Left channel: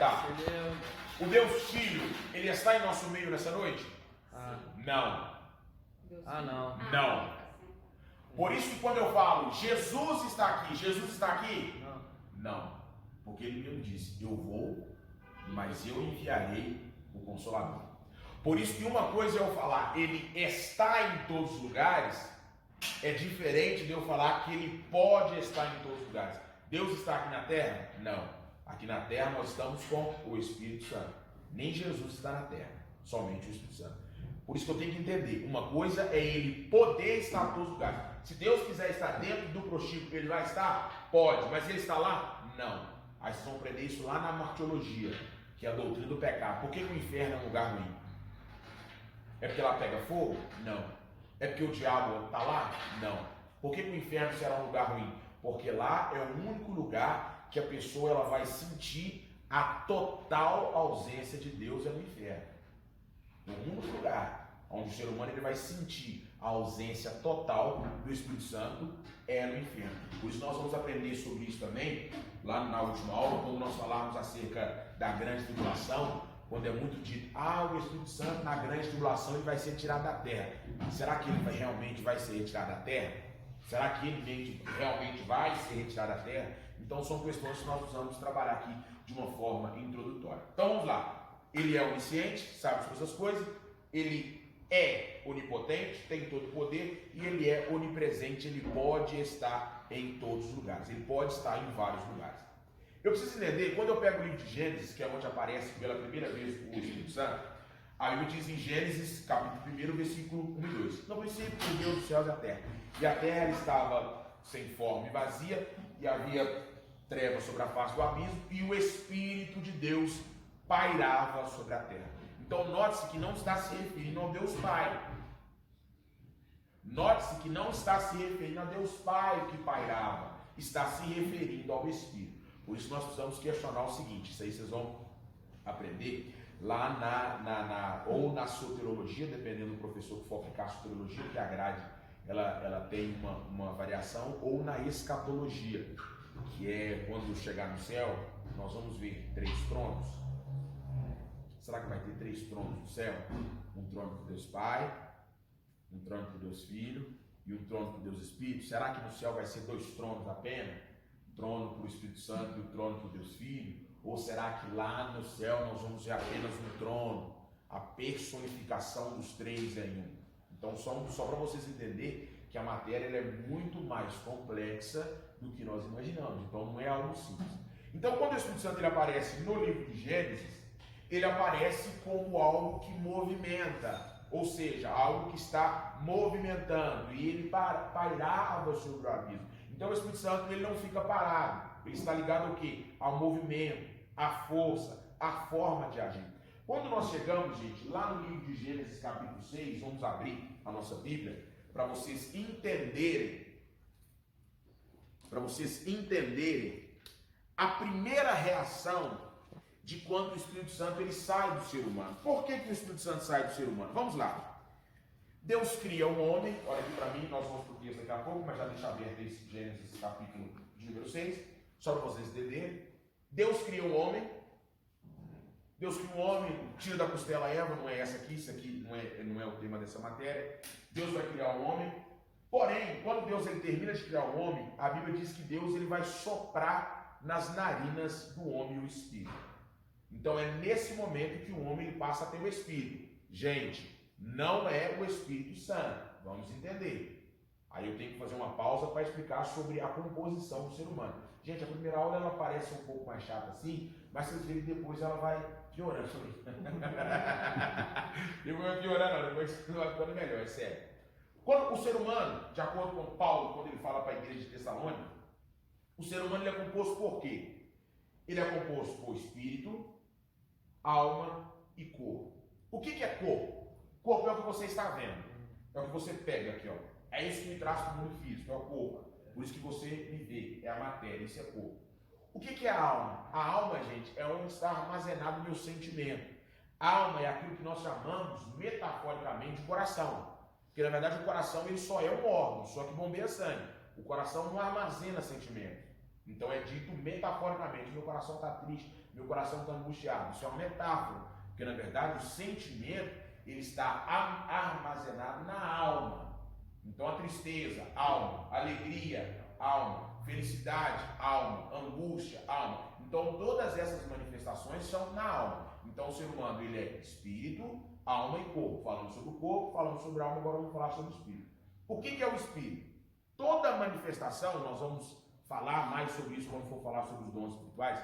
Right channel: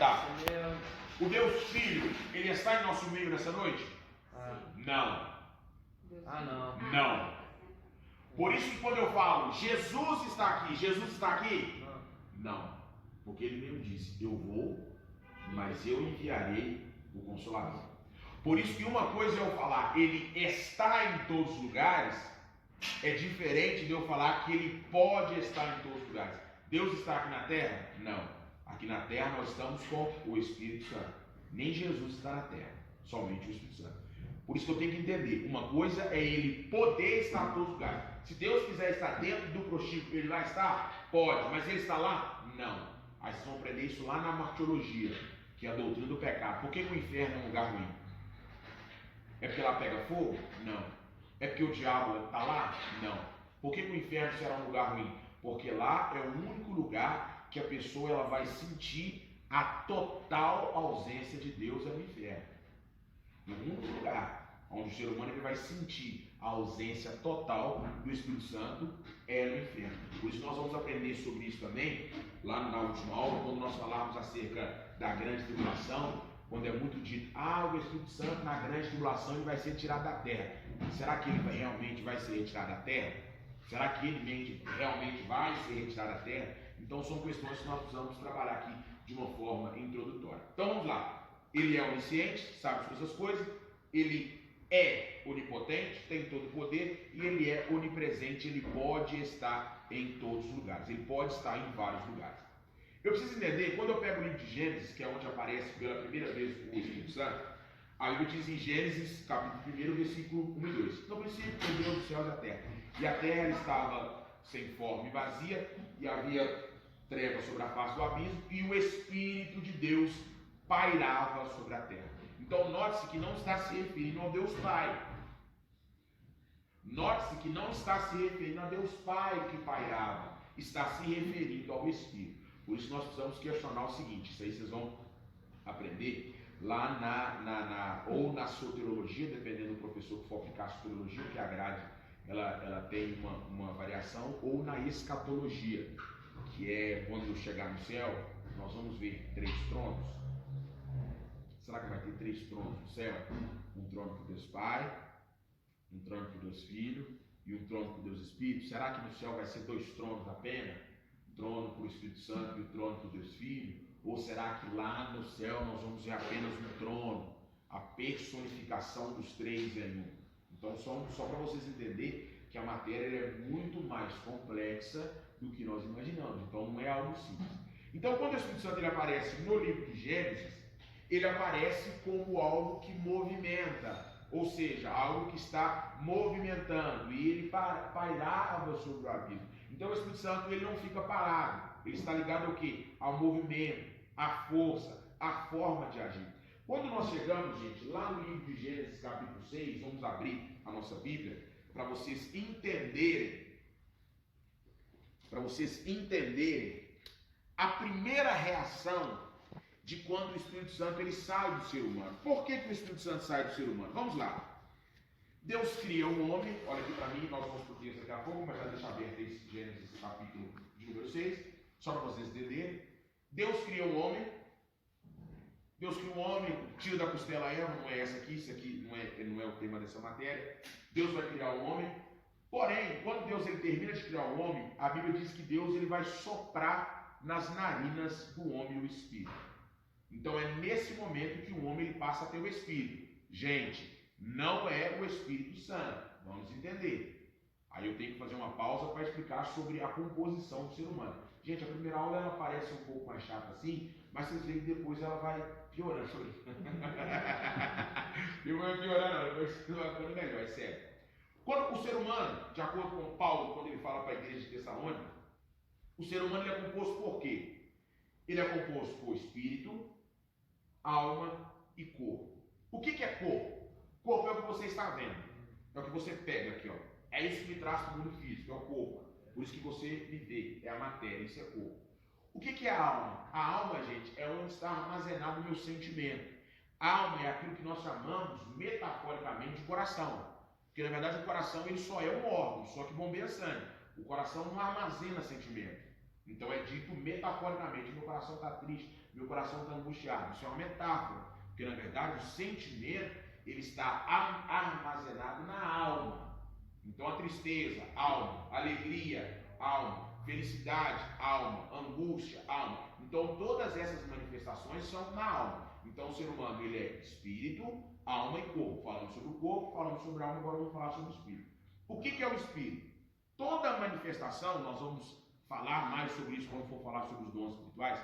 Tá. O Deus Filho, ele está em nosso meio nessa noite? Não. Não. Não. Por isso que quando eu falo Jesus está aqui, Jesus está aqui? Não. Porque ele mesmo disse, eu vou, mas eu enviarei o Consolador. Por isso que uma coisa é eu falar, ele está em todos os lugares, é diferente de eu falar que ele pode estar em todos os lugares. Deus está aqui na terra? Não. Aqui na terra nós estamos com o Espírito Santo. Nem Jesus está na terra, somente o Espírito Santo. Por isso que eu tenho que entender, uma coisa é ele poder estar em todos os lugares. Se Deus quiser estar dentro do prostíbulo, ele vai estar? Pode, mas ele está lá? Não. Aí vocês vão aprender isso lá na martiologia, que é a doutrina do pecado. Por que o inferno é um lugar ruim? É porque lá pega fogo? Não. É porque o diabo está lá? Não. Por que o inferno será um lugar ruim? Porque lá é o único lugar que a pessoa ela vai sentir a total ausência de Deus, é no inferno. É o único lugar onde o ser humano ele vai sentir a ausência total do Espírito Santo é no inferno. Por isso nós vamos aprender sobre isso também, lá na última aula, quando nós falarmos acerca da grande tribulação, quando é muito dito, o Espírito Santo na grande tribulação ele vai ser tirado da terra. Será que ele realmente vai ser retirado da terra? Será que ele realmente vai ser retirado da terra? Então são questões que nós precisamos trabalhar aqui de uma forma introdutória. Então vamos lá. Ele é onisciente, sabe todas as coisas, ele é onipotente, tem todo o poder, e ele é onipresente, ele pode estar em todos os lugares, ele pode estar em vários lugares. Eu preciso entender, quando eu pego o livro de Gênesis, que é onde aparece pela primeira vez o Espírito Santo, a Bíblia diz em Gênesis, capítulo 1, versículo 1 e 2, no princípio criou Deus os céus e a terra, e a terra estava sem forma e vazia, e havia trevas sobre a face do abismo, e o Espírito de Deus pairava sobre a terra. Então note-se que não está se referindo ao Deus Pai. Note-se que não está se referindo a Deus Pai que pairava, está se referindo ao Espírito. Por isso nós precisamos questionar o seguinte, isso aí vocês vão aprender lá ou na soteriologia, dependendo do professor que for aplicar a soteriologia, que a grade ela tem uma variação, ou na escatologia, que é quando chegar no céu, nós vamos ver 3 tronos. Será que vai ter 3 tronos no céu? Um trono para Deus Pai, um trono para Deus Filho e um trono para Deus Espírito. Será que no céu vai ser 2 tronos apenas? Um trono para o Espírito Santo e um trono para o Deus Filho? Ou será que lá no céu nós vamos ver apenas um trono? A personificação dos 3 em um. Então só para vocês entenderem que a matéria é muito mais complexa do que nós imaginamos. Então não é algo simples. Então quando o Espírito Santo ele aparece no livro de Gênesis, ele aparece como algo que movimenta, ou seja, algo que está movimentando, e ele pairava sobre o abismo. Então o Espírito Santo ele não fica parado, ele está ligado ao quê? Ao movimento, à força, à forma de agir. Quando nós chegamos, gente, lá no livro de Gênesis capítulo 6, vamos abrir a nossa Bíblia para vocês entenderem a primeira reação de quando o Espírito Santo ele sai do ser humano. Por que o Espírito Santo sai do ser humano? Vamos lá. Deus cria um homem, olha aqui para mim, nós vamos para o texto daqui a pouco, mas já deixa aberto esse Gênesis capítulo de número 6, só para vocês entenderem. Deus cria um homem, tira da costela a Eva, não é essa aqui, isso aqui não é o tema dessa matéria. Deus vai criar um homem, porém, quando Deus ele termina de criar um homem, a Bíblia diz que Deus ele vai soprar nas narinas do homem o Espírito. Então é nesse momento que o homem ele passa a ter o Espírito. Gente, não é o Espírito Santo, vamos entender. Aí eu tenho que fazer uma pausa para explicar sobre a composição do ser humano. Gente, a primeira aula ela parece um pouco mais chata assim, mas vocês verem que depois ela vai piorando. Depois vai piorando, depois vai ficando melhor, é sério. Quando o ser humano, de acordo com Paulo, quando ele fala para a igreja de Tessalônica, o ser humano ele é composto por quê? Ele é composto por espírito, alma e corpo. O que é corpo? Corpo é o que você está vendo. É o que você pega aqui, ó. É isso que me traz para o mundo físico, é o corpo. Por isso que você me vê, é a matéria, isso é corpo. O que é a alma? A alma, gente, é onde está armazenado o meu sentimento. A alma é aquilo que nós chamamos, metaforicamente, de coração. Porque, na verdade, o coração ele só é um órgão, só que bombeia sangue. O coração não armazena sentimento. Então é dito metaforicamente, meu coração está triste, meu coração está angustiado. Isso é uma metáfora, porque na verdade o sentimento ele está armazenado na alma. Então a tristeza, alma, alegria, alma, felicidade, alma, angústia, alma. Então todas essas manifestações são na alma. Então o ser humano ele é espírito, alma e corpo. Falando sobre o corpo, falando sobre a alma, agora vamos falar sobre o espírito. O que é o espírito? Toda manifestação, nós vamos falar mais sobre isso quando for falar sobre os dons espirituais.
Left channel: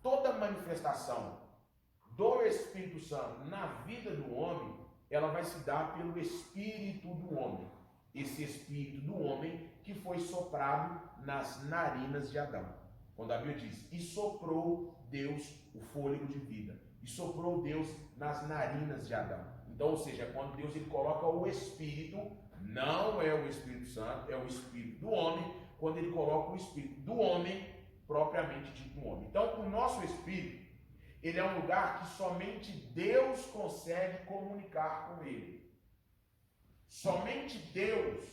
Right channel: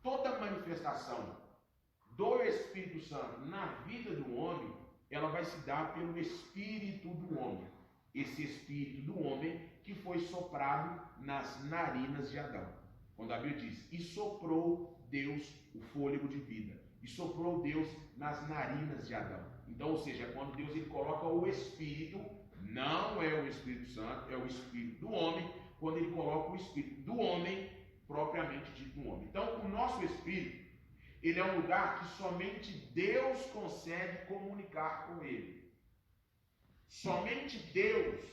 Toda manifestação do Espírito Santo na vida do homem, ela vai se dar pelo Espírito do homem. Esse Espírito do homem que foi soprado nas narinas de Adão. Quando a Bíblia diz, e soprou Deus o fôlego de vida. E soprou Deus nas narinas de Adão. Então, ou seja, quando Deus ele coloca o Espírito, não é o Espírito Santo, é o Espírito do homem, quando ele coloca o Espírito do homem, propriamente dito no homem. Então, o nosso Espírito, ele é um lugar que somente Deus consegue comunicar com ele. Somente Deus,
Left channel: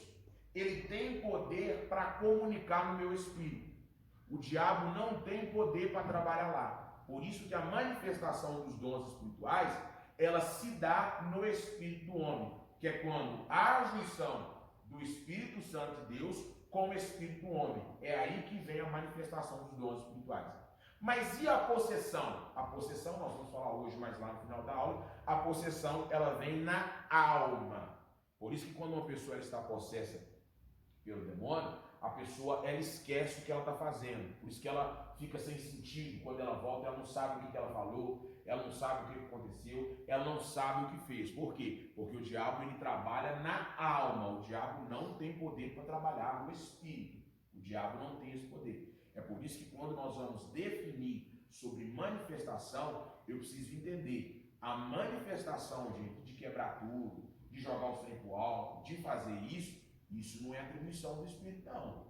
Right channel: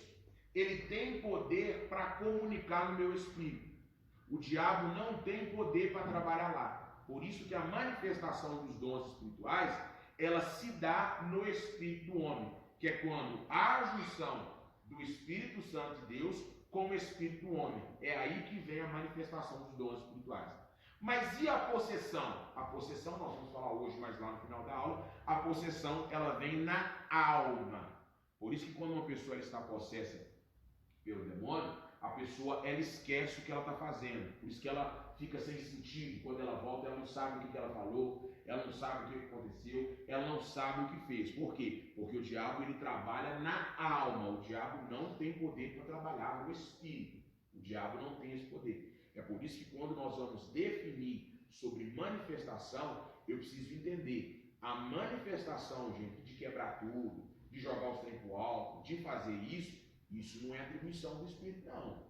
ele tem poder para comunicar no meu espírito. O diabo não tem poder para trabalhar lá. Por isso que a manifestação dos dons espirituais, ela se dá no espírito do homem, que é quando há a junção do Espírito Santo de Deus com o espírito do homem. É aí que vem a manifestação dos dons espirituais. Mas e a possessão? A possessão, nós vamos falar hoje, mais lá no final da aula, a possessão, ela vem na alma. Por isso que quando uma pessoa está possessa pelo demônio, a pessoa ela esquece o que ela está fazendo. Por isso que ela fica sem sentido. Quando ela volta, ela não sabe o que ela falou, ela não sabe o que aconteceu, ela não sabe o que fez. Por quê? Porque o diabo ele trabalha na alma. O diabo não tem poder para trabalhar no espírito. O diabo não tem esse poder. É por isso que quando nós vamos definir sobre manifestação, eu preciso entender a manifestação, gente, de quebrar tudo, de jogar os trem pro alto, de fazer isso não é atribuição do Espírito, não.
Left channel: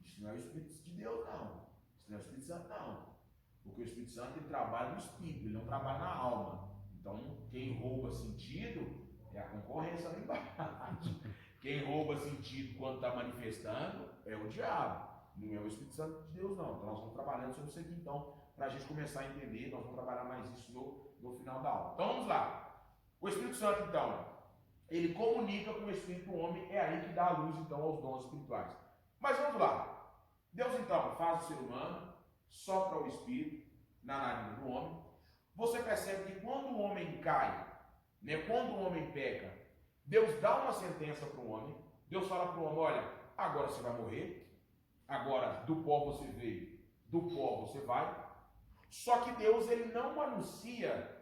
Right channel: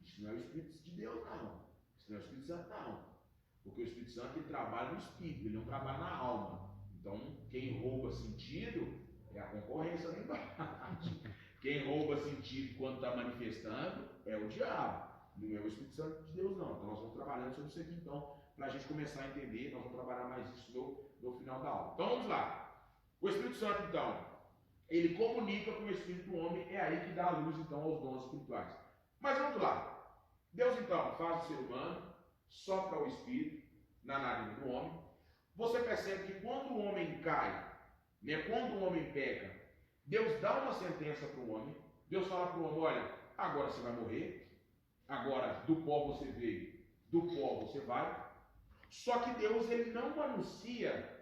Isso não é o Espírito de Deus, não. Isso não é o Espírito Santo, não. Porque o Espírito Santo ele trabalha no Espírito, ele não trabalha na alma. Então, quem rouba sentido é a concorrência lá embaixo. Quem rouba sentido quando está manifestando é o diabo. Não é o Espírito Santo de Deus, não. Então, nós vamos trabalhando sobre isso aqui, então, para a gente começar a entender, nós vamos trabalhar mais isso no final da aula. Então, vamos lá. O Espírito Santo, então, ele comunica com o Espírito do homem, é aí que dá a luz, então, aos dons espirituais. Mas vamos lá. Deus, então, faz o ser humano, sopra o Espírito na narina do homem. Você percebe que quando o homem cai, né, quando o homem peca, Deus dá uma sentença para o homem. Deus fala para o homem, olha, agora você vai morrer, agora do pó você veio, do pó você vai. Só que Deus ele não anuncia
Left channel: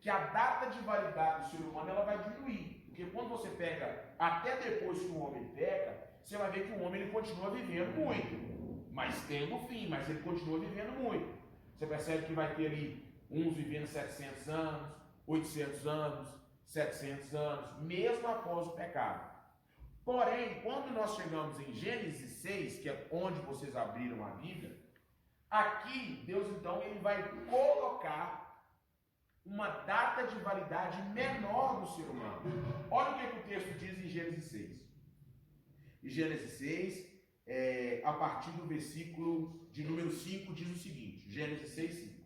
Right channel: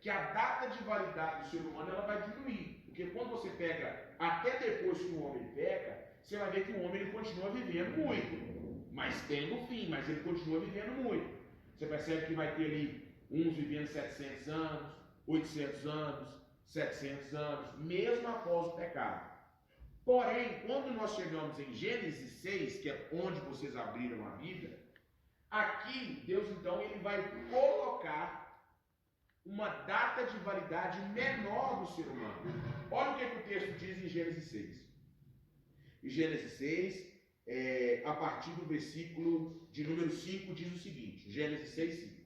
que a data de validade do ser humano ela vai diminuir. Porque quando você pega, até depois que o homem peca, você vai ver que o homem ele continua vivendo muito. Mas tem um fim, mas ele continua vivendo muito. Você percebe que vai ter ali uns vivendo 700 anos, 800 anos, 700 anos, mesmo após o pecado. Porém, quando nós chegamos em Gênesis 6, que é onde vocês abriram a Bíblia, aqui Deus então ele vai colocar uma data de validade menor do ser humano. Olha o que o texto diz em Gênesis 6. Em Gênesis 6, a partir do versículo de número 5, diz o seguinte, Gênesis 6, 5.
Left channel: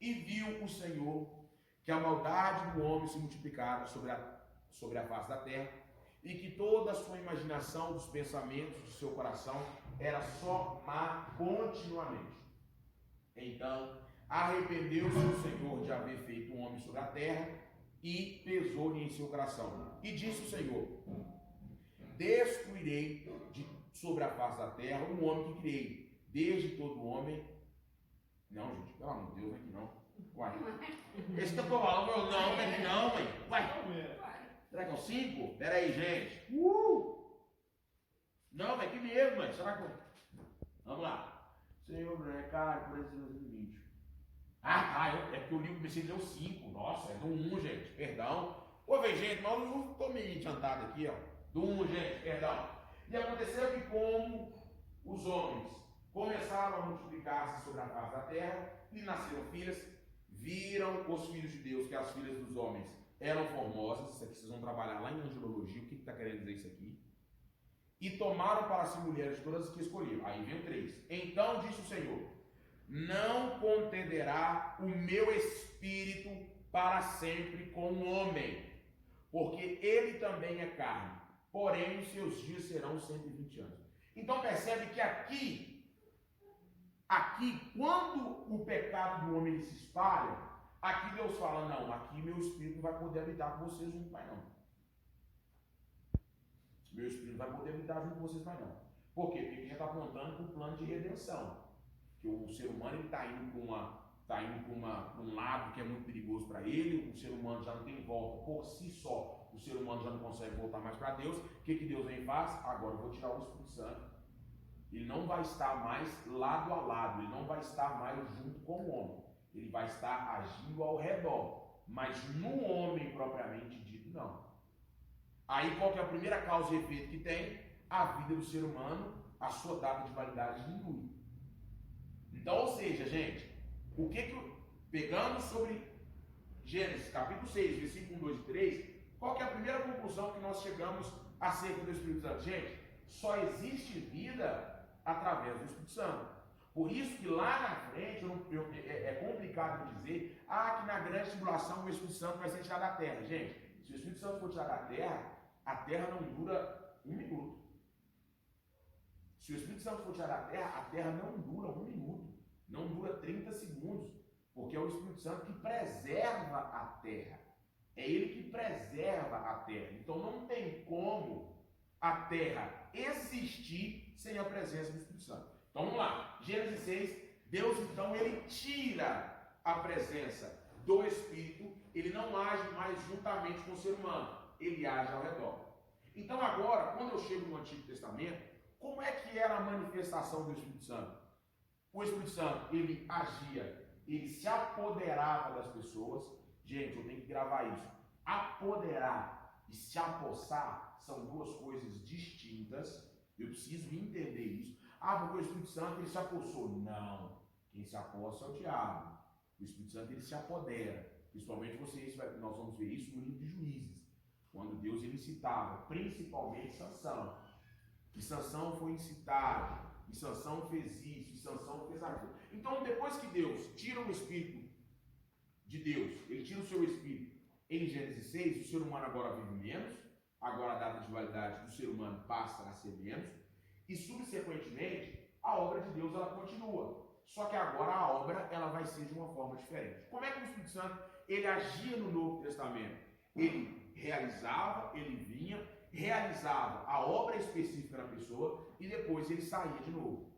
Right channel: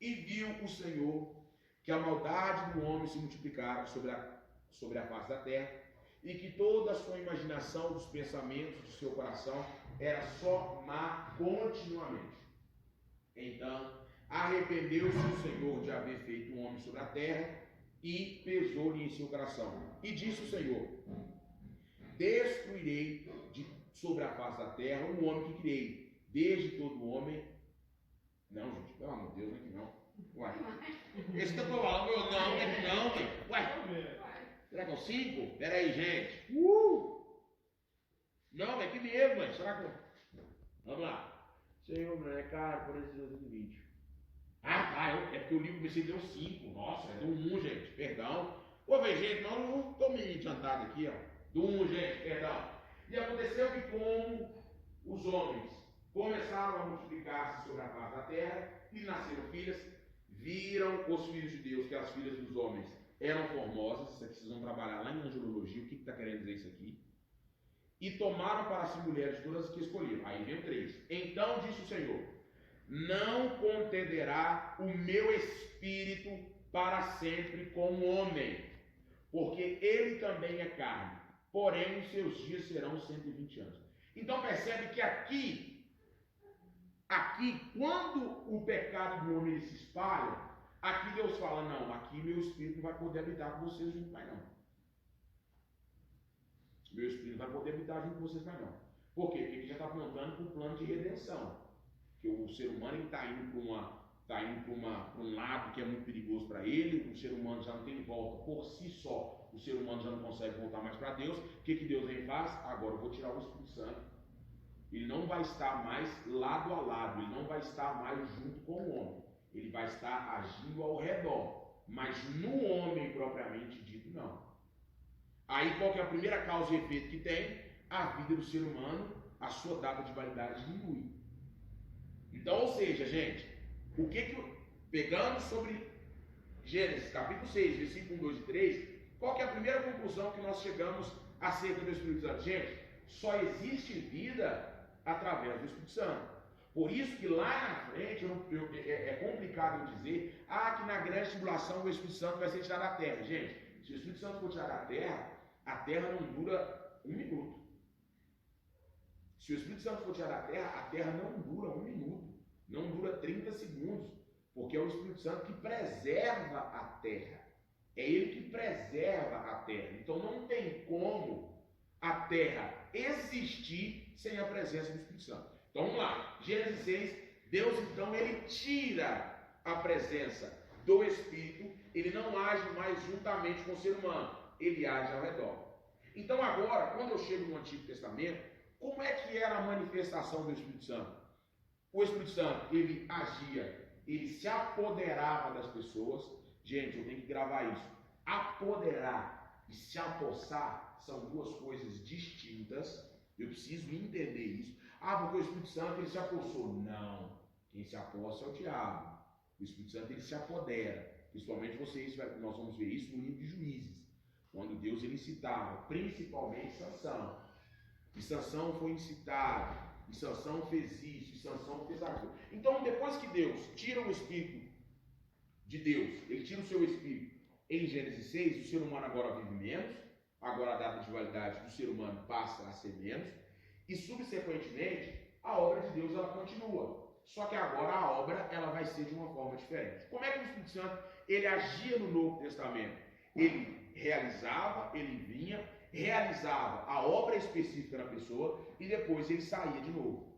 E viu o Senhor que a maldade do homem se multiplicara sobre a face da terra, e que toda a sua imaginação dos pensamentos do seu coração era só má continuamente. Então, arrependeu-se o Senhor de haver feito um homem sobre a terra, e pesou-lhe em seu coração. E disse o Senhor, destruirei sobre a face da terra o homem que criei, desde todo homem. Não, gente, pelo amor de Deus, aqui não. Uai. Esse que eu tô falando, eu não, aqui não, velho. Uai. Será que é o 5? Pera aí, gente. Não, é que mesmo, mãe. Será que eu... Vamos lá. Senhor, não é caro por esse 2020. É porque o livro BC deu 5. Nossa, é do 1, gente. Perdão. Ô, velho, gente, nós não estou meio adiantado aqui, ó. Do 1, gente, perdão. E aconteceu que como os homens começaram a multiplicar-se sobre a face da terra e nasceram filhas, viram os filhos de Deus, que as filhas dos homens eram formosas. Isso aqui vocês vão trabalhar lá em angelologia. O que está querendo dizer isso aqui? e tomaram para si mulheres todas as que escolheram. Aí vem 3. Então disse o Senhor: não contenderá o meu espírito para sempre com o homem, porque ele também é carne, porém os seus dias serão 120 anos. Então percebe que aqui, quando o pecado do homem se espalha, aqui Deus fala: não, aqui meu espírito não vai poder habitar com vocês junto mais não. Meu espírito não vai poder habitar junto com vocês mais não. Por quê? Porque ele já está apontando para o plano de redenção. Que o ser humano está indo para um lado que é muito perigoso para ele, o ser humano já não tem volta por si só, o ser humano já não consegue voltar mais para Deus. O que Deus vem e faz? Agora eu vou tirar o Espírito Santo. Ele não vai estar mais lado a lado, ele não vai estar mais junto com o homem, ele vai estar agindo ao redor, mas no homem propriamente dito não. Aí qual que é a primeira causa e efeito que tem? A vida do ser humano, a sua data de validade diminui. Então, ou seja, gente, pegando sobre Gênesis capítulo 6, versículo 1, 2 e 3, qual que é a primeira conclusão que nós chegamos acerca do Espírito Santo? Gente, só existe vida através do Espírito Santo. Por isso que lá na frente, é complicado eu dizer, que na grande tribulação o Espírito Santo vai ser tirado da terra. Gente, se o Espírito Santo for tirado da terra, a terra não dura 1 minuto. Se o Espírito Santo for tirado da terra, a terra não dura 1 minuto, não dura 30 segundos, porque é o Espírito Santo que preserva a terra. É ele que preserva a terra. Então não tem como a terra existir sem a presença do Espírito Santo. Então vamos lá, Gênesis 6, Deus então ele tira a presença do Espírito, ele não age mais juntamente com o ser humano, ele age ao redor. Então agora, quando eu chego no Antigo Testamento, como é que era a manifestação do Espírito Santo? O Espírito Santo, ele agia, ele se apoderava das pessoas. Gente, eu tenho que gravar isso. Apoderar e se apossar são duas coisas distintas. Eu preciso entender isso. Porque o Espírito Santo, ele se apossou. Não. Quem se apossa é o diabo. O Espírito Santo, ele se apodera. Principalmente nós vamos ver isso no livro de Juízes, quando Deus ele citava principalmente Sansão. E Sansão foi incitado, e Sansão fez isso, e Sansão fez aquilo. Então, depois que Deus tira o Espírito de Deus, ele tira o seu Espírito em Gênesis 6, o ser humano agora vive menos, agora a data de validade do ser humano passa a ser menos, e subsequentemente, a obra de Deus ela continua. Só que agora a obra ela vai ser de uma forma diferente. Como é que o Espírito Santo ele agia no Novo Testamento? Ele realizava, ele vinha, realizava a obra específica da pessoa e depois ele saía de novo.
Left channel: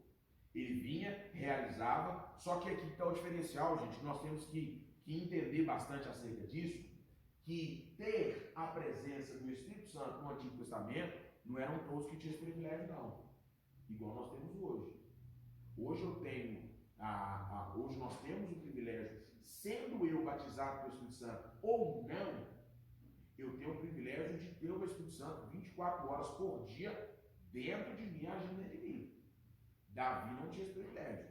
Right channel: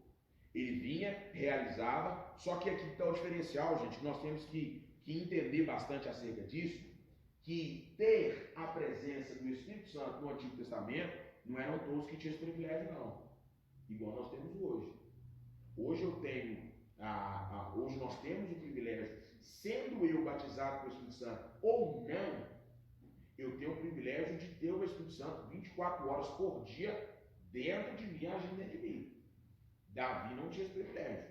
Ele vinha, realizava, só que aqui está o diferencial, gente, nós temos que entender bastante acerca disso, que ter a presença do Espírito Santo no Antigo Testamento não eram todos que tinham esse privilégio, não. Igual nós temos hoje. Hoje hoje nós temos o privilégio, sendo eu batizado pelo Espírito Santo ou não, eu tenho o privilégio de ter o Espírito Santo 24 horas por dia dentro de mim, agindo dentro de mim. Davi não tinha esse privilégio.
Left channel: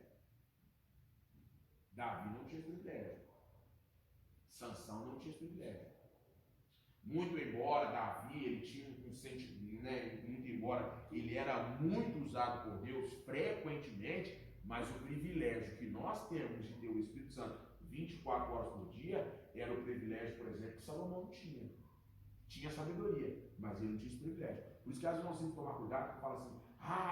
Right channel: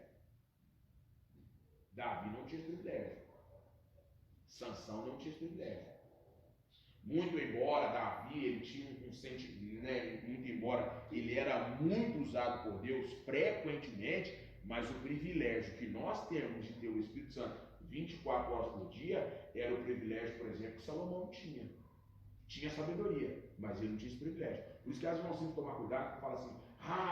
Sansão não tinha esse privilégio. Muito embora Davi ele tinha um sentimento, né? Muito embora ele era muito usado por Deus frequentemente, mas o privilégio que nós temos de ter o Espírito Santo 24 horas por dia era o privilégio, por exemplo, que Salomão tinha. Tinha sabedoria, mas ele não tinha esse privilégio. Por isso que às vezes nós temos que tomar cuidado, porque fala assim,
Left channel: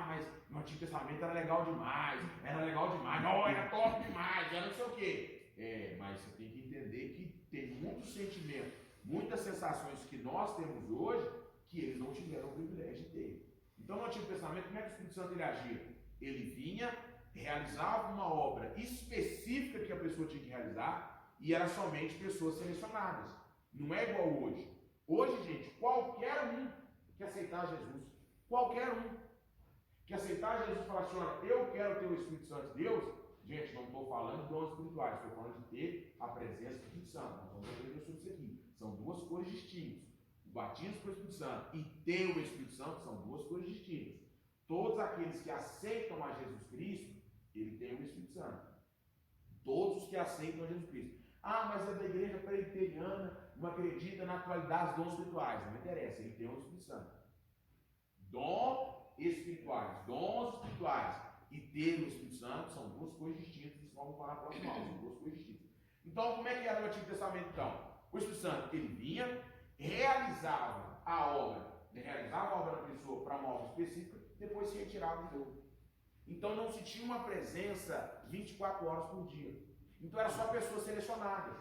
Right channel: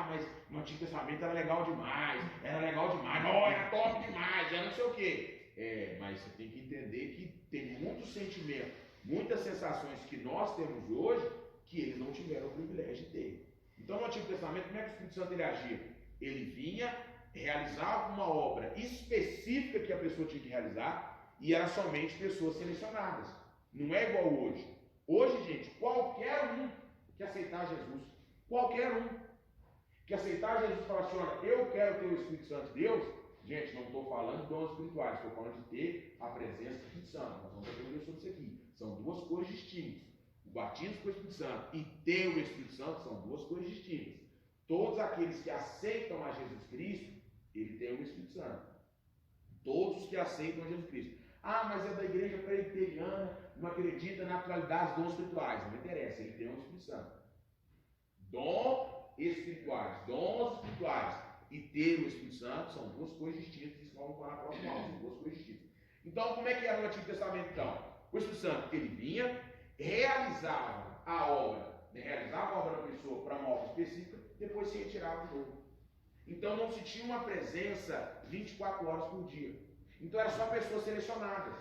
mas no Antigo Testamento era legal demais, era top demais, era não sei o quê. Mas você tem que entender que tem muito sentimento, muitas sensações que nós temos hoje, que eles não tiveram o privilégio de ter. Então no Antigo Testamento, como é que o Espírito Santo ele agia? Ele vinha, realizava uma obra específica que a pessoa tinha que realizar, e era somente pessoas selecionadas. Não é igual hoje. Hoje, gente, qualquer um que aceitar Jesus, qualquer um que aceitar Jesus e falar assim, olha, eu quero ter o Espírito Santo de Deus, gente, não estou falando de dons espirituais, estou falando de ter a presença do Espírito Santo. Nós vamos aprender sobre isso aqui. São duas coisas distintas. O batismo com o Espírito Santo e ter o Espírito Santo são duas coisas distintas. Todos aqueles que aceitam a Jesus Cristo, ele tem o Espírito Santo. Todos os que aceitam a Jesus Cristo. Mas é da igreja presbiteriana, não acredita na atualidade dos dons espirituais. Não interessa, ele tem o Espírito Santo. Dom espirituais. Dons espirituais e ter o Espírito Santo são duas coisas distintas. Isso vamos falar na próxima aula, são duas coisas distintas. Então, como é que era no Antigo Testamento, então? O Espírito Santo, ele vinha, realizava a obra da pessoa para uma obra específica, depois se retirava de novo. Então, não se tinha uma presença 24 horas por dia. Então, era só pessoas selecionadas.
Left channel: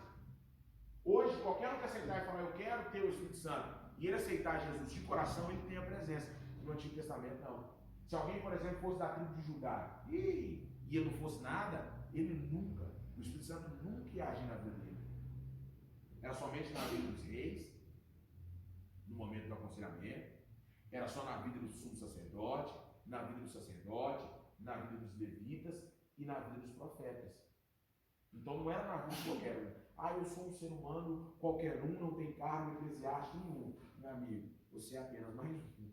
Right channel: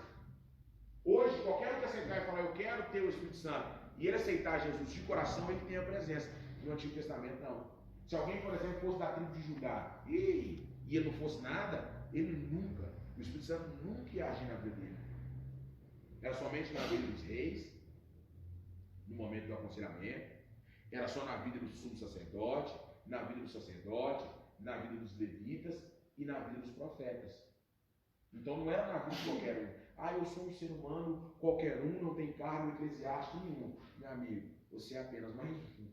Hoje, qualquer um que aceitar e falar, eu quero ter o Espírito Santo, e ele aceitar Jesus de coração, ele tem a presença. No Antigo Testamento, não. Se alguém, por exemplo, fosse da tribo de Judá e ele não fosse nada, o Espírito Santo nunca ia agir na vida dele. Era somente na vida dos reis, no momento do aconselhamento, era só na vida do sumo sacerdote, na vida do sacerdote, na vida dos levitas e na vida dos profetas. Então não era na vida de qualquer um. Eu sou um ser humano, qualquer um, não tem cargo eclesiástico nenhum. Meu amigo, você é apenas mais um.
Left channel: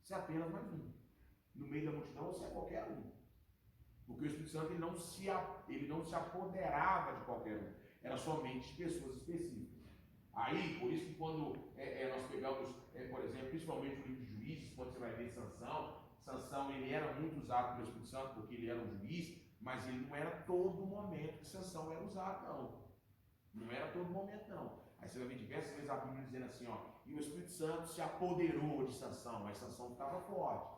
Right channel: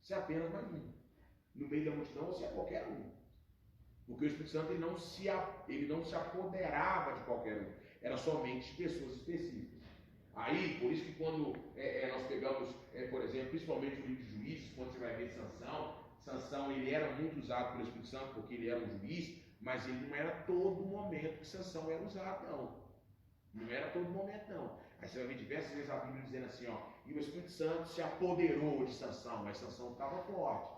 Você é apenas mais um. No meio da multidão, você é qualquer um. Porque o Espírito Santo ele não se apoderava de qualquer um. Era somente de pessoas específicas. Aí, por isso que quando nós pegamos, por exemplo, principalmente o livro de Juízes, quando você vai ver Sansão ele era muito usado pelo Espírito Santo porque ele era um juiz, mas ele não era todo momento que Sansão era usado, não. Não era todo momento, não. Aí você vai ver diversas vezes a Bíblia dizendo assim, e o Espírito Santo se apoderou de Sansão, mas Sansão estava forte.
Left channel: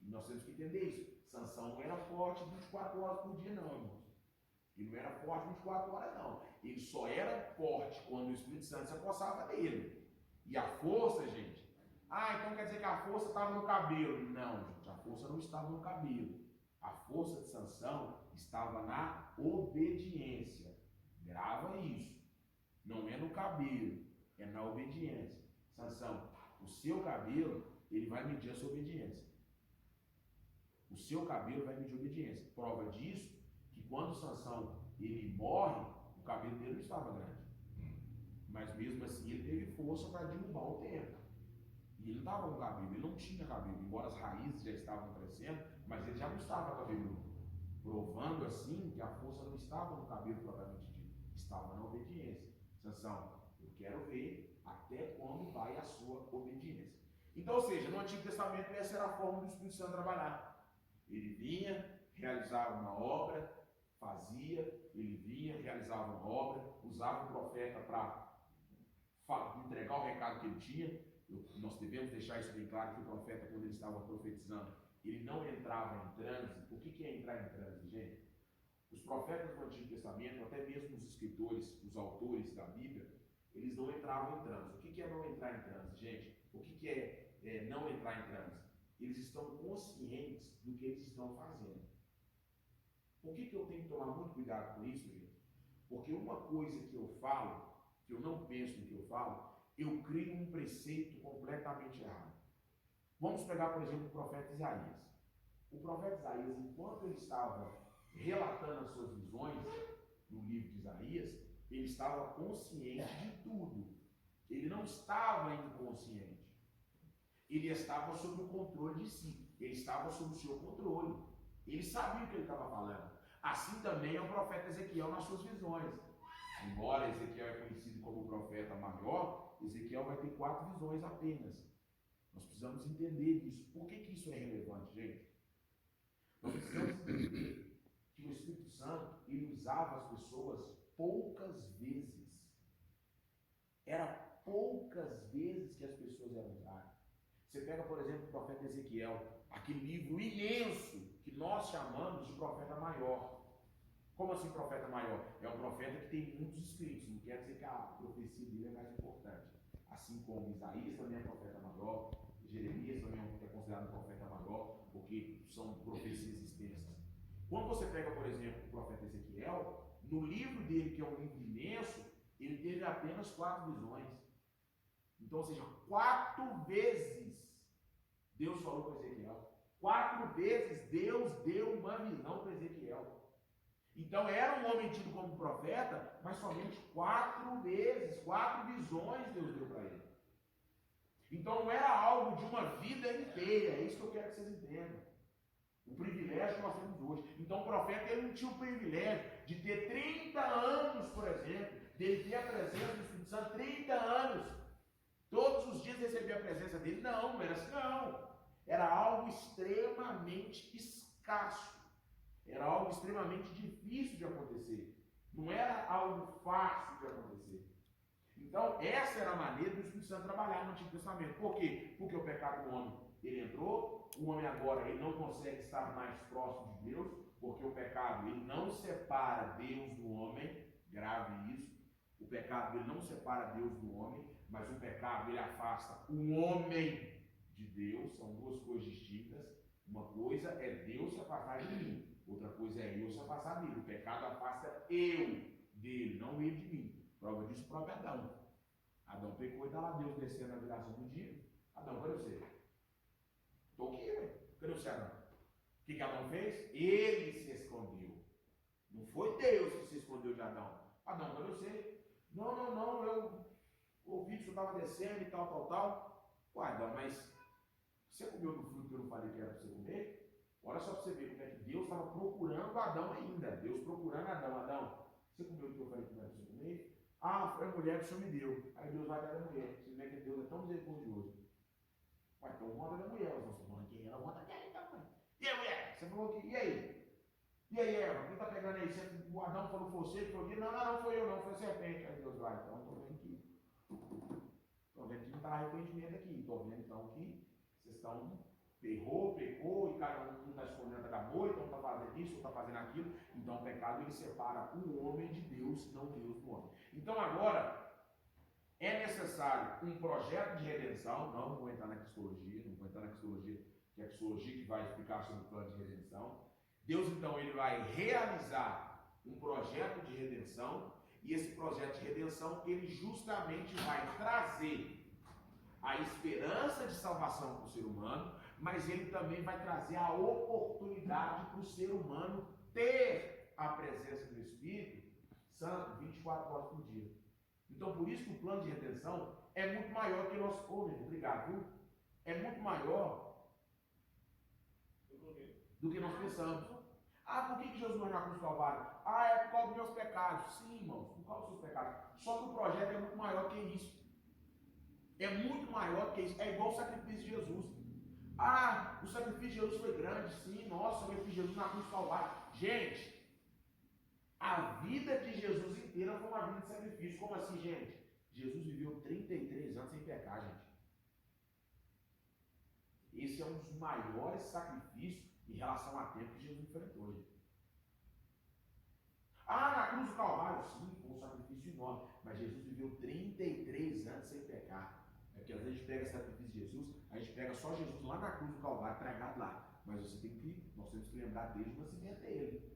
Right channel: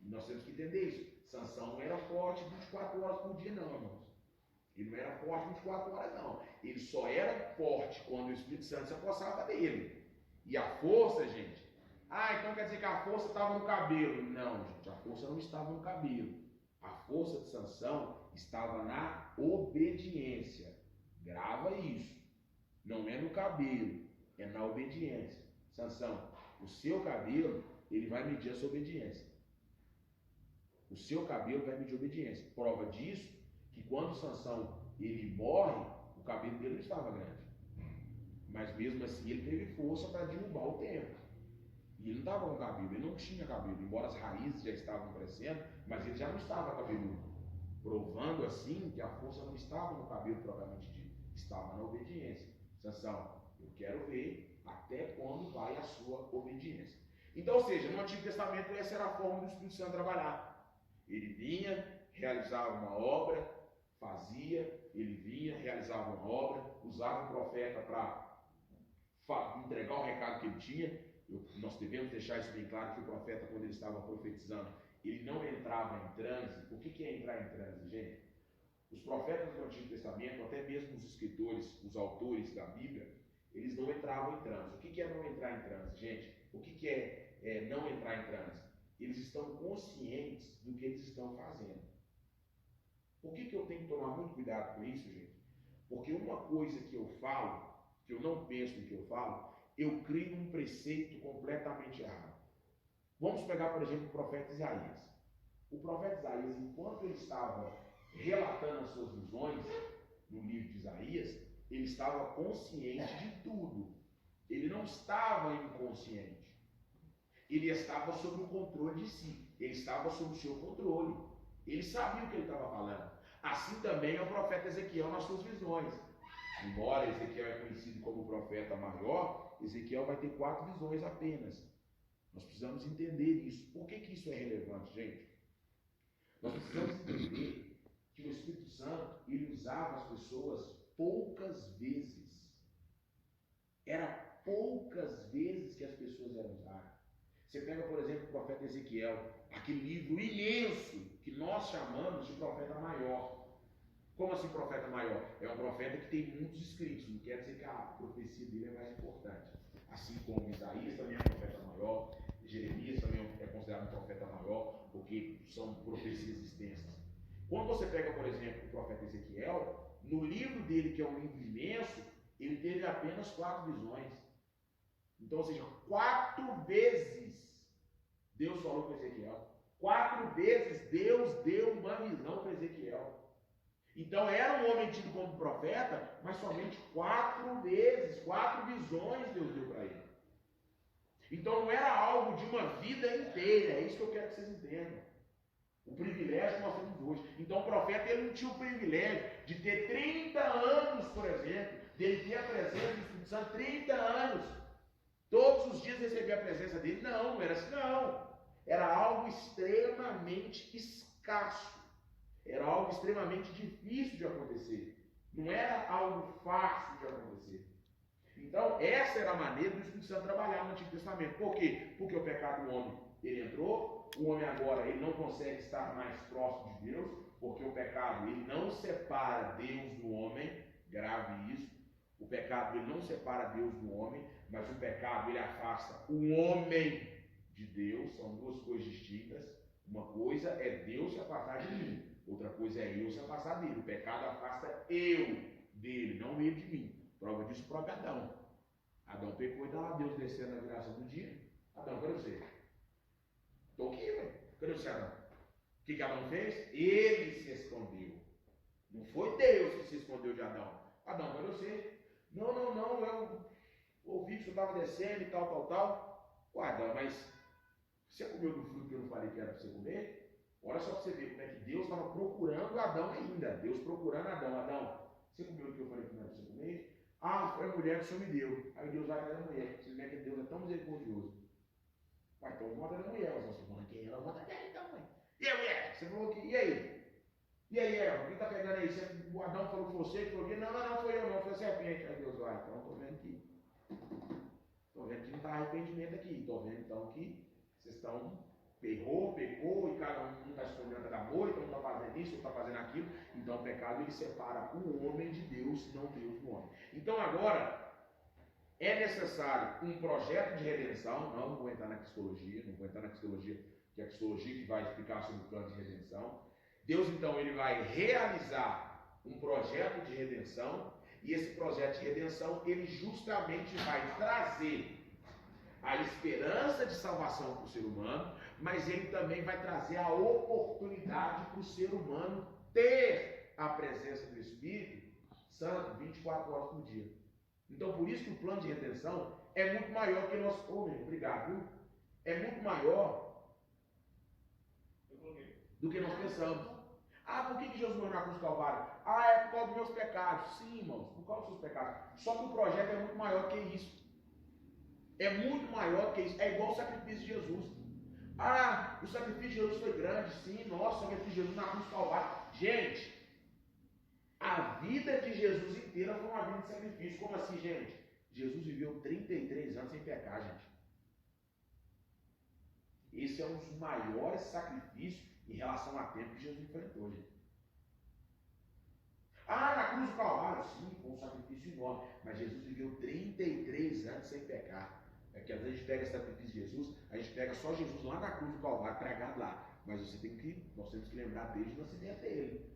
E nós temos que entender isso. Sansão não era forte 24 horas por dia, não, irmãos. Ele não era forte 24 horas, não. Ele só era forte quando o Espírito Santo se apossava dele. E a força, gente, então quer dizer que a força estava no cabelo. Não, gente, a força não estava no cabelo. A força de Sansão estava na obediência. Grava isso. Não é no cabelo, é na obediência. Sansão, o seu cabelo, ele vai medir a sua obediência. O seu cabelo vai medir a obediência. Prova disso, que quando Sansão ele morre, o cabelo dele não estava grande. Mas mesmo assim ele teve força para derrubar o templo. E ele não estava com cabelo, ele não tinha cabelo, embora as raízes já estavam crescendo, mas ele já não estava cabeludo. Provando assim que a força não estava no cabelo propriamente dito, estava na obediência. Sansão, eu quero ver até quando vai a sua obediência. Então, ou seja, no Antigo Testamento essa era a forma do Espírito Santo trabalhar. Ele vinha, realizava uma obra, ele vinha, realizava uma obra, usava o profeta para entregar o recado que ele tinha. Nós devemos deixar isso bem claro, que o profeta, quando ele estava profetizando, ele não entrava em transe. O que é entrar em transe, gente? Os profetas do Antigo Testamento, até mesmo os escritores, os autores da Bíblia, eles não entravam em transe. O que é não entrar em transe, gente? O que é não entrar em transe? Eles estão conscientes do que eles estão fazendo. Por que eu tenho que tomar muito cuidado com isso, gente? Porque uma coisa que eu falo, que eu não penso no que eu falo, eu crio um preceito completamente errado. Vamos pegar, por exemplo, o profeta Isaías. O profeta Isaías, enquanto ele estava relatando as suas visões no livro de Isaías, ele estava consciente de tudo. Ele não estava inconsciente. Ele estava sob o controle de si. Ele estava sob o seu controle. Ele sabia o que ele estava falando. Assim também é o profeta Ezequiel nas suas visões. Embora Ezequiel é conhecido como o profeta maior, Ezequiel vai ter 4 visões apenas. Nós precisamos entender isso. Por que isso é relevante, gente? Nós precisamos entender que o Espírito Santo, ele usava as pessoas poucas vezes. Era poucas vezes que as pessoas eram usadas. Você pega, por exemplo, o profeta Ezequiel, aquele livro imenso que nós chamamos de profeta maior. Como assim profeta maior? É um profeta que tem muitos escritos, não quer dizer que a profecia dele é mais importante. Assim como Isaías também é profeta maior, Jeremias também é considerado um profeta maior, porque são profecias extensas. Quando você pega, por exemplo, o profeta Ezequiel, no livro dele, que é um livro imenso, ele teve apenas 4 visões. Então, ou seja, 4 vezes Deus falou com Ezequiel. 4 vezes Deus deu uma visão para Ezequiel. Então era um homem tido como profeta, mas somente 4 vezes, 4 visões Deus deu para ele. Então não era algo de uma vida inteira, é isso que eu quero que vocês entendam. O privilégio que nós temos hoje. Então o profeta ele não tinha o privilégio de ter 30 anos, por exemplo, dele ter a presença do Espírito Santo 30 anos. Todos os dias receber a presença dele. Não era assim, não. Era algo extremamente escasso. Era algo extremamente difícil de acontecer. Não era algo fácil de acontecer. Então, essa era a maneira do Espírito Santo trabalhar no Antigo Testamento. Por quê? Porque o pecado do homem, ele entrou, o homem agora ele não consegue estar mais próximo de Deus, porque o pecado ele não separa Deus do homem, grave isso. O pecado ele não separa Deus do homem, mas o pecado ele afasta o homem de Deus, são duas coisas distintas. Uma coisa é Deus se afastar de mim, outra coisa é eu se afastar dele. O pecado afasta eu dele, não ele de mim. Prova disso o próprio Adão. Adão pecou e está lá Deus descendo na viração do dia. Adão, cadê você? Estou aqui, ué. Cadê você, Adão? O que Adão fez? Ele se escondeu. Não foi Deus que se escondeu de Adão. Adão, cadê você? Não, eu ouvi que você estava descendo e tal. Ué, Adão, mas você comeu do fruto que eu não falei que era para você comer? Olha só para você ver como é que Deus estava procurando Adão ainda. Deus procurando Adão. Adão, você comeu do que eu falei que não era para você comer? Ah, foi a mulher que o Senhor me deu. Aí Deus vai atrás da mulher. Vocês veem que Deus é tão misericordioso. Ué, então volta da mulher. Você falou que ela volta dela então, mãe. E aí, mulher? Você falou que. E aí? E aí, Eva? Quem tá pegando aí? O Adão falou que você, que foi aqui? Não foi eu, não. Foi a serpente. Aí Deus vai. Então, estou vendo que. Estou vendo que não está arrependimento aqui. Estou vendo então que vocês estão. Pecou, e cada um está escondendo da moita, um está fazendo isso, um está fazendo aquilo. Então o pecado ele separa o homem de Deus e não Deus do homem. Então agora é necessário um projeto de redenção. Não vou entrar na cristologia, que é a cristologia que vai explicar sobre o plano de redenção. Deus então ele vai realizar um projeto de redenção, e esse projeto de redenção ele justamente vai trazer a esperança de salvação para o ser humano, mas ele também vai trazer a oportunidade para o ser humano ter a presença do Espírito Santo 24 horas por dia. Então, por isso que o plano de redenção é muito maior que nós... Obrigado, viu? É muito maior do que nós pensamos. Ah, por que Jesus morreu na cruz do Calvário? Ah, é por causa dos meus pecados. Sim, irmãos, por causa dos seus pecados. Só que o projeto é muito maior que isso. É muito maior que isso. É igual o sacrifício de Jesus. Ah, o sacrifício de Jesus foi grande. Sim, nossa, o sacrifício de Jesus na cruz do Calvário. Gente, a vida de Jesus inteira foi uma vida de sacrifício. Como assim, gente? Jesus viveu 33 anos sem pecar, gente. Esse é um dos maiores sacrifícios em relação a tempo que Jesus enfrentou, gente. Ah, na cruz do Calvário, sim, foi um sacrifício enorme. Mas Jesus viveu 33 anos sem pecar. É que às vezes a gente pega esse sacrifício de Jesus, a gente pega só Jesus lá na cruz do Calvário, pregado lá. Mas nós temos que lembrar desde o nascimento dele.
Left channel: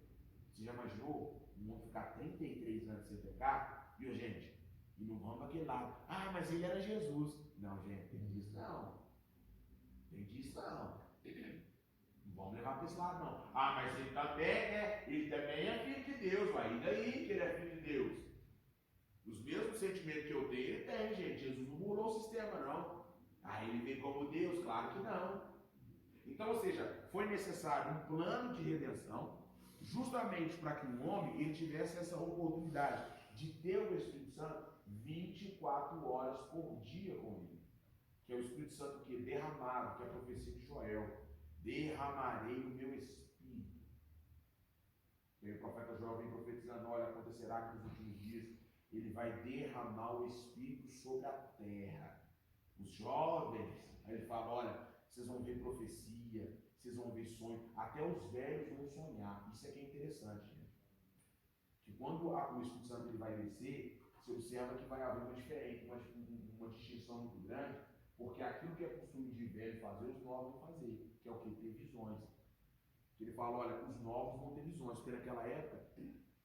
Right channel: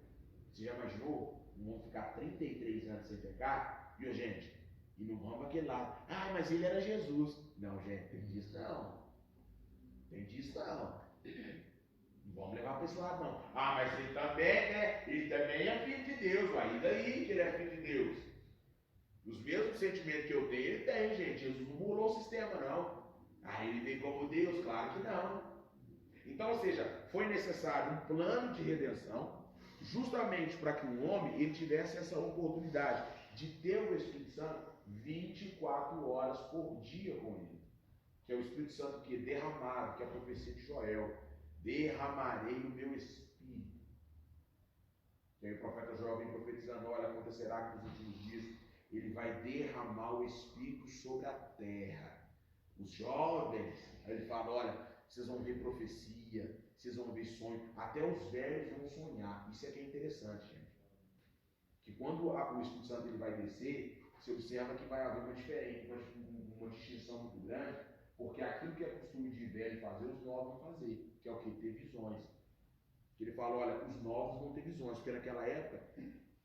Você já imaginou um homem ficar 33 anos sem pecar? Viu, gente? E não vamos para aquele lado. Ah, mas ele era Jesus. Não, gente, tem disso não. Tem disso não. Não vamos levar para esse lado não. Ah, mas ele também é filho de Deus. Vai, e daí que ele é filho de Deus? Os mesmos sentimentos que eu tenho, ele tem, gente. Jesus não mudou o sistema, não. Ah, ele vem como Deus? Claro que não. Então, ou seja, foi necessário um plano de redenção, justamente para que o homem ele tivesse essa oportunidade de ter o Espírito Santo 24 horas por dia com ele. Que é o Espírito Santo que é derramado, que é a profecia de Joel. Derramarei o meu Espírito. E aí o profeta Joel vem profetizando, olha, acontecerá que nos últimos dias ele vai derramar o Espírito sobre a terra. Os jovens, aí ele fala, olha, vocês vão ver profecia, vocês vão ver sonho, até os velhos vão sonhar. Isso é que é interessante, gente. Que quando o Espírito Santo ele vai descer, você observa que vai haver uma distinção muito grande, porque aquilo que é costume de velho fazer, os novos vão fazer, que é o que? Ter visões. Que ele fala, olha, os novos vão ter visões, porque naquela época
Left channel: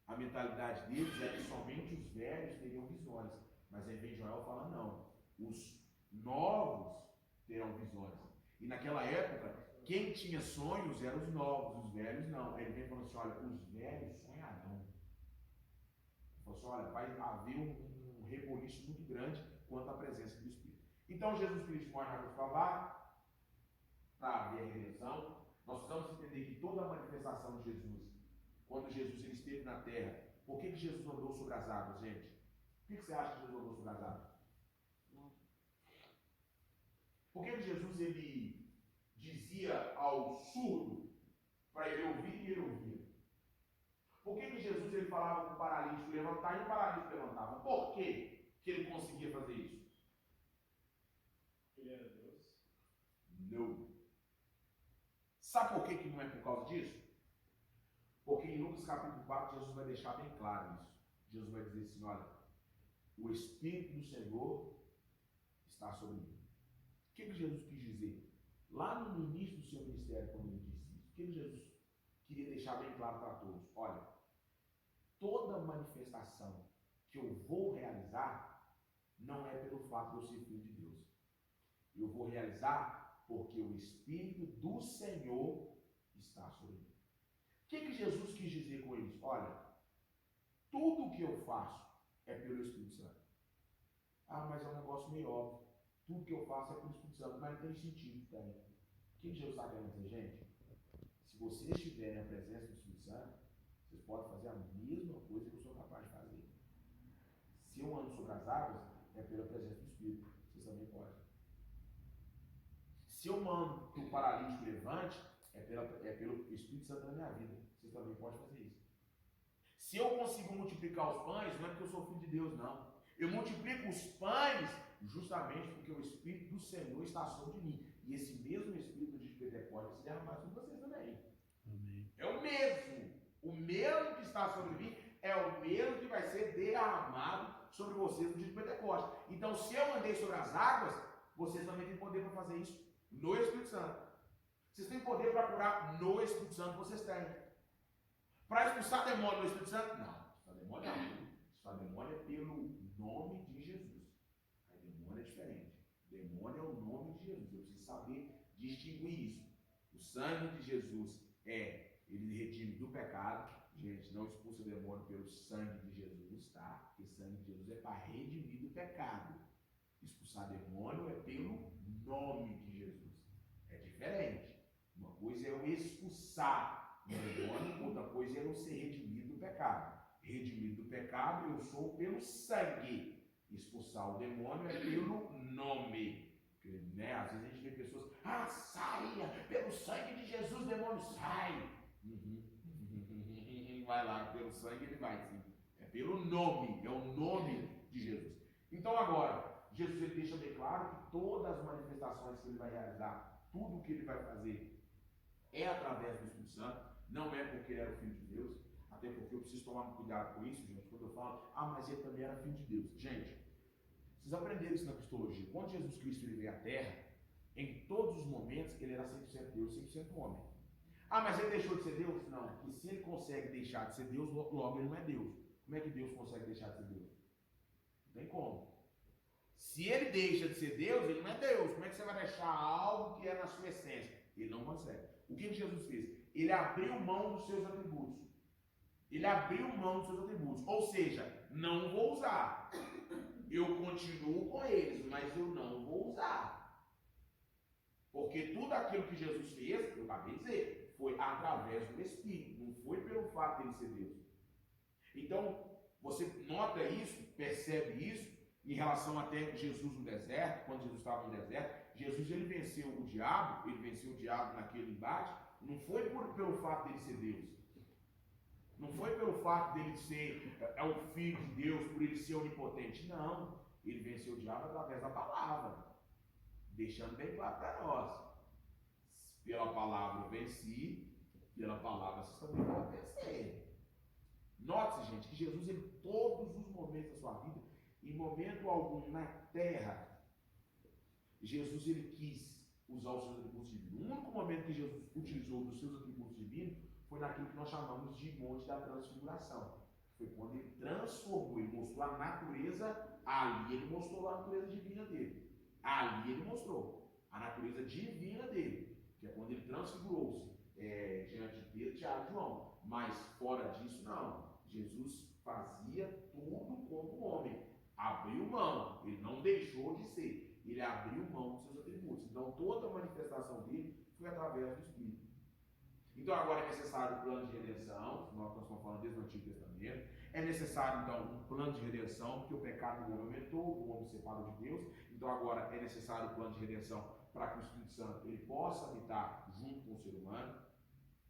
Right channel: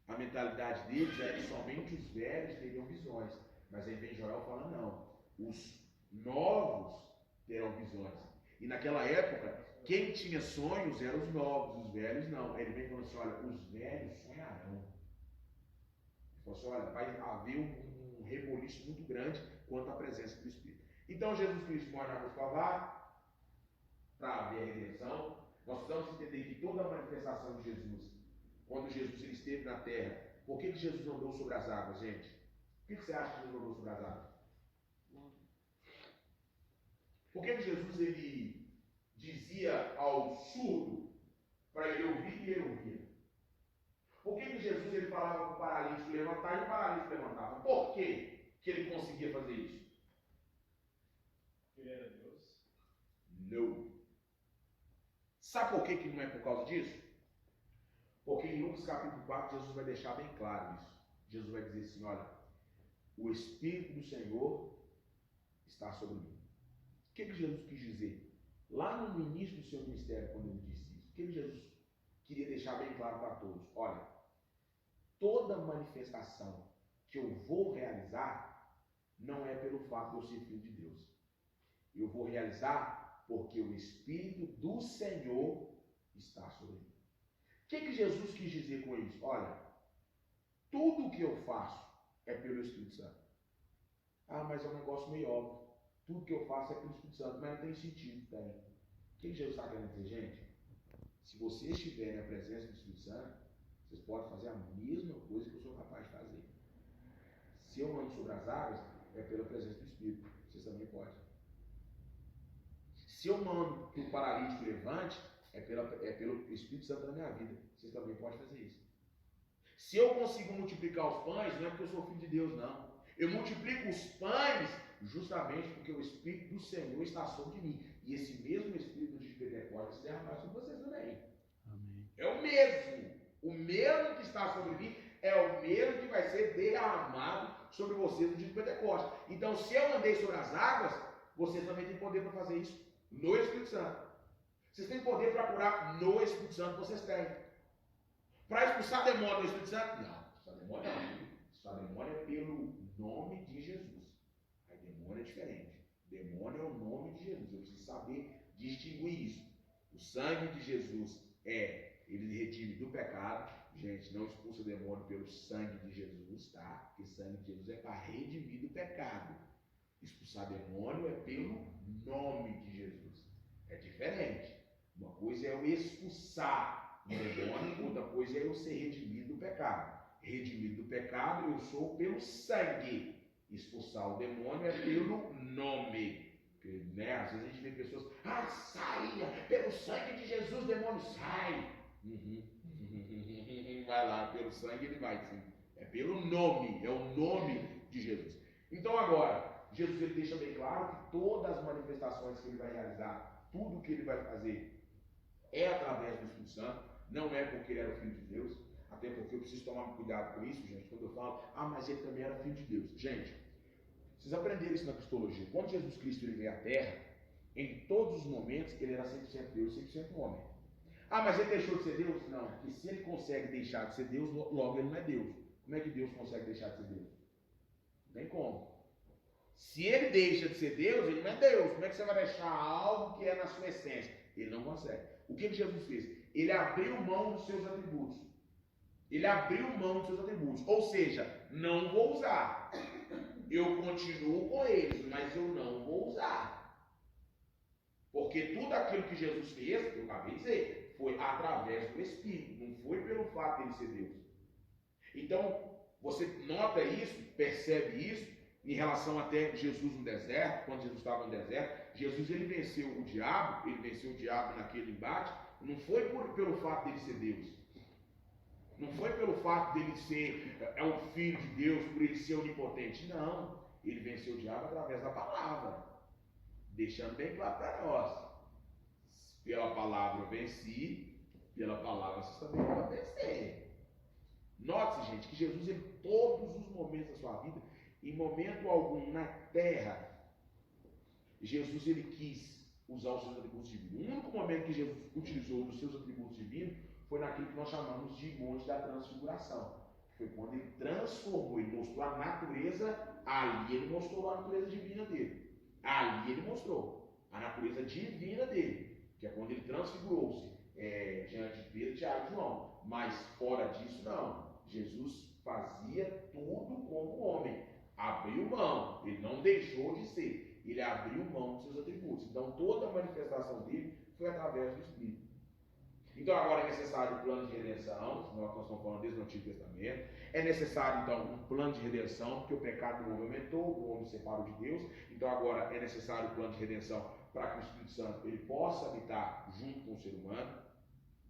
a mentalidade deles era que somente os velhos teriam visões. Mas aí vem Joel falando, não, os novos terão visões. E naquela época, quem tinha sonhos eram os novos, os velhos não. Aí ele vem falando assim, olha, os velhos sonharão. Ele falou assim, olha, vai haver um reboliço muito grande quanto à presença do Espírito. Então Jesus Cristo morre na cruz do Calvário para haver a redenção. Nós precisamos entender que toda a manifestação de Jesus, quando Jesus ele esteve na terra, por que Jesus andou sobre as águas, gente? Por que você acha que Jesus andou sobre as águas? Por que Jesus ele dizia ao surdo para ele ouvir e ele ouvia? Por que Jesus ele falava para o paralítico levantar e o paralítico levantava? Por que ele conseguia fazer isso? Ele era Deus? Não. Sabe por que não é por causa disso? Porque em Lucas capítulo 4, Jesus vai deixar bem claro isso. Jesus vai dizer assim, olha, o Espírito do Senhor está sobre mim. O que Jesus quis dizer? Lá no início do seu ministério, quando ele disse isso, o que Jesus queria deixar bem claro para todos? Olha, toda manifestação que eu vou realizar não é pelo fato de eu ser filho de Deus. Eu vou realizar porque o Espírito do Senhor está sobre mim. O que Jesus quis dizer com isso? Olha, tudo o que eu faço é pelo Espírito Santo. Ah, mas é um negócio meio óbvio. Tudo que eu faço é pelo Espírito Santo, mas não tem sentido, tem. O que Jesus está querendo dizer, gente? Se vocês estiverem na presença do Espírito Santo, vocês podem fazer a mesma coisa que eu sou capaz de fazer. Se eu ando sobre as águas, é pela presença do Espírito. Vocês também podem. Se eu mando que o paralítico levante, é pelo Espírito Santo na minha vida. Vocês também podem fazer isso. Se eu consigo multiplicar os pães, não é porque eu sou filho de Deus, não. Eu multiplico os pães justamente porque o Espírito do Senhor está sobre mim. E esse mesmo Espírito de Pentecostes se derramar sobre vocês também. Amém. É o mesmo. O mesmo que está sobre mim é o mesmo que vai ser derramado sobre vocês no dia de Pentecostes. Então, se eu andei sobre as águas, vocês também têm poder para fazer isso no Espírito Santo. Vocês têm poder para curar no Espírito Santo, vocês têm. Para expulsar demônio no Espírito Santo? Não, expulsar demônio não. Expulsar demônio é pelo nome de Jesus. Aí demônio é diferente. Demônio é o nome de Jesus. Eu preciso saber distinguir isso. O sangue de Jesus ele redime do pecado. Gente, não expulsa demônio pelo sangue de Jesus, tá? Porque o sangue de Jesus é para redimir do pecado. Expulsar demônio é pelo nome de Jesus. É diferente. Uma coisa é eu expulsar o demônio, outra coisa é eu ser redimido do pecado. Redimido do pecado eu sou pelo sangue. Expulsar o demônio é pelo nome. Porque, né, às vezes a gente vê pessoas, saia, pelo sangue de Jesus, demônio, sai. Vai lá, pelo sangue ele vai, sim. É pelo nome, é o nome de Jesus. Então agora, Jesus ele deixa bem claro que todas as manifestações que ele vai realizar, tudo que ele vai fazer, é através do Espírito Santo, não é porque ele era o Filho de Deus, até porque eu preciso tomar cuidado com isso, gente, quando eu falo, mas ele também era Filho de Deus. Gente, vocês aprenderam isso na cristologia. Quando Jesus Cristo ele veio à Terra, em todos os momentos ele era 100% Deus, 100% homem. Mas ele deixou de ser Deus? Não, porque se ele consegue deixar de ser Deus, logo ele não é Deus. Como é que Deus consegue deixar de ser Deus? Não tem como. Se ele deixa de ser Deus, ele não é Deus. Como é que você vai deixar algo que é na sua essência? Ele não consegue. O que Jesus fez? Ele abriu mão dos seus atributos. Ele abriu mão dos seus atributos. Ou seja, não vou usar. Eu continuo com eles, mas eu não vou usar. Porque tudo aquilo que Jesus fez, eu acabei de dizer, foi através do Espírito. Não foi pelo fato de ele ser Deus. Então, você nota isso, percebe isso, em relação até Jesus no deserto, quando Jesus estava no deserto. Jesus ele venceu o diabo naquele embate, não foi pelo fato dele ser Deus, não foi pelo fato dele ser o Filho de Deus, por ele ser onipotente, não. Ele venceu o diabo através da palavra, deixando bem claro para nós, pela palavra eu venci, pela palavra vocês também vão vencer. Note-se, gente, que Jesus em todos os momentos da sua vida, em momento algum na terra, Jesus ele quis usar os seus atributos divinos. O único momento que Jesus utilizou dos seus atributos divinos foi naquilo que nós chamamos de Monte da Transfiguração. Foi quando ele transformou, ele mostrou a natureza, ali ele mostrou a natureza divina dele. Ali ele mostrou a natureza divina dele, que é quando ele transfigurou-se diante de Pedro, Tiago e João. Mas fora disso, não. Jesus fazia tudo como homem. Abriu mão, ele não deixou de ser, ele abriu mão dos seus atributos. Então toda a manifestação dele foi através do Espírito. Então agora é necessário um plano de redenção, nós estamos falando desde o Antigo Testamento. É necessário então um plano de redenção, porque o pecado do homem aumentou, o homem se separou de Deus. Então agora é necessário um plano de redenção para que o Espírito Santo ele possa habitar junto com o ser humano.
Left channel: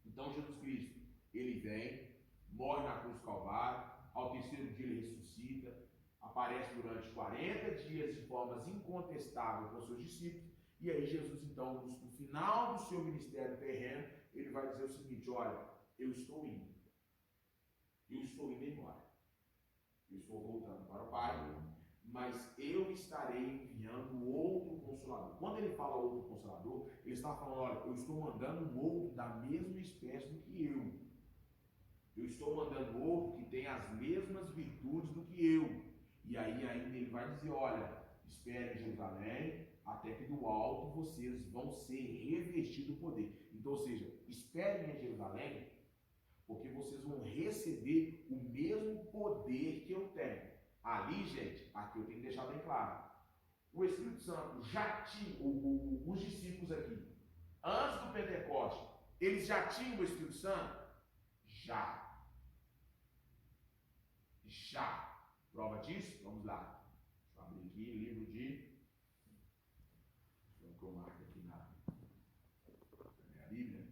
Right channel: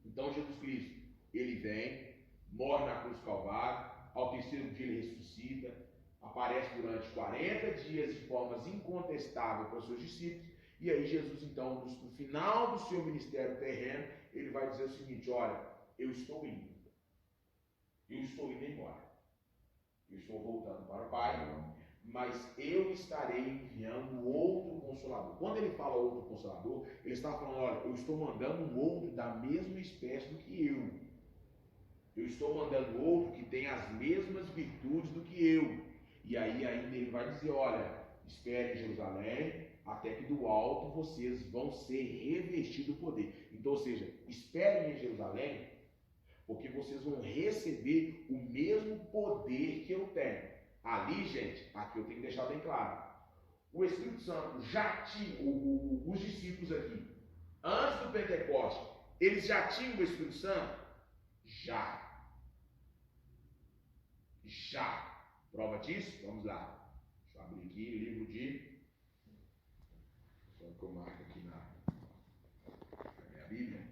Então Jesus Cristo, ele vem, morre na cruz do Calvário, ao terceiro dia ele ressuscita, aparece durante 40 dias de formas incontestáveis para os seus discípulos, e aí Jesus então, no final do seu ministério terreno, ele vai dizer o seguinte: olha, eu estou indo embora, eu estou voltando para o Pai, mas eu estarei enviando outro Consolador. Quando ele fala outro Consolador, ele está falando: olha, eu estou mandando um outro da mesma espécie do que eu estou mandando outro que tem as mesmas virtudes do que eu. E aí ainda ele vai dizer: olha, espere em Jerusalém, até que do alto vocês vão ser revestidos do poder. Então, ou seja, esperem em Jerusalém, porque vocês vão receber o mesmo poder que eu tenho. Ali, gente, aqui eu tenho que deixar bem claro. O Espírito Santo já tinha, os discípulos aqui, antes do Pentecoste, eles já tinham o Espírito Santo? Já. Prova disso? Vamos lá. Deixa eu abrir aqui o livro de... Só que eu marco aqui na minha Bíblia.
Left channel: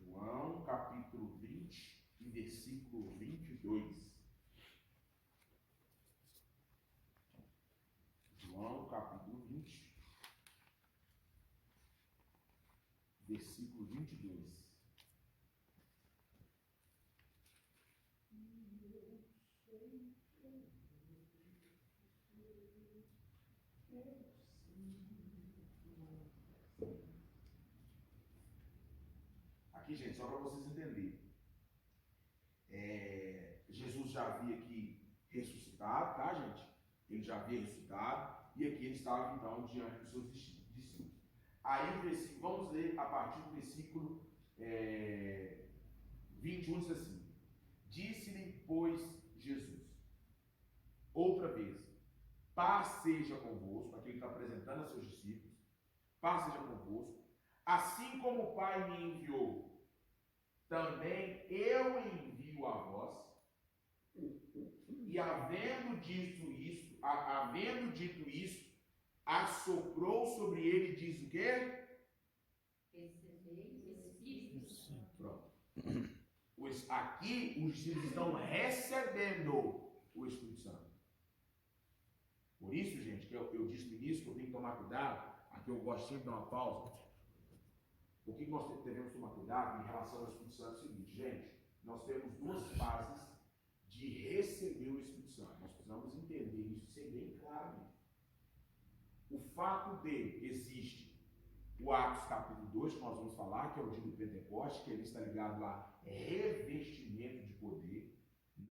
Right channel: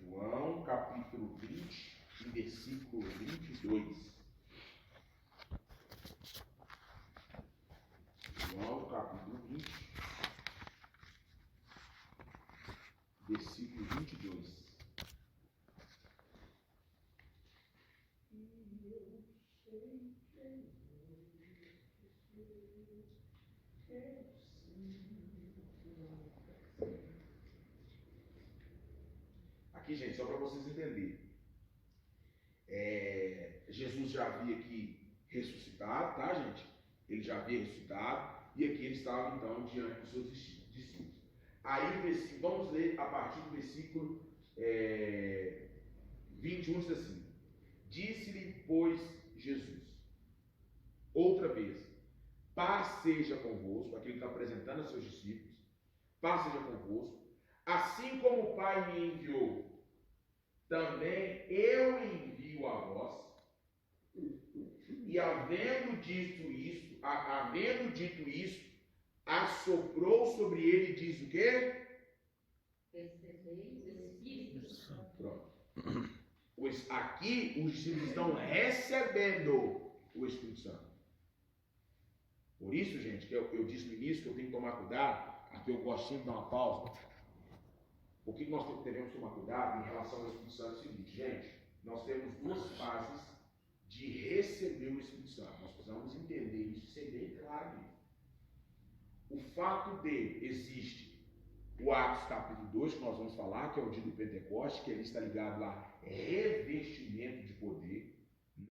João capítulo 20, versículo 22. João capítulo 20, versículo 22. Aqui, gente, só para vocês entenderem. Jesus já havia aqui ressuscitado, tá, gente? Ele já havia ressuscitado, e aqui ele estava, então, diante dos seus discípulos. Aí, vamos ler a partir do versículo 21, diz assim: disse-lhe, pois, Jesus, outra vez, paz seja convosco. Aqui ele está apresentando a seus discípulos: paz seja convosco, assim como o Pai me enviou, também eu envio a vós. E havendo dito isso, assoprou sobre ele e diz o quê? Recebeis o Espírito Santo. Pronto. Aqui os discípulos estão recebendo o Espírito Santo. Por isso, gente, que eu disse no início que eu tenho que tomar cuidado. Aqui eu gosto sempre de dar uma pausa. O que nós devemos tomar cuidado em relação ao Espírito Santo é o seguinte: gente, nós temos duas fases de receber o Espírito Santo. Nós precisamos entender isso e ser bem claro nisso. O fato de existe o Atos capítulo 2, que nós vamos falar, que é o dia do Pentecoste, que ele está ligado a revestimento de poder.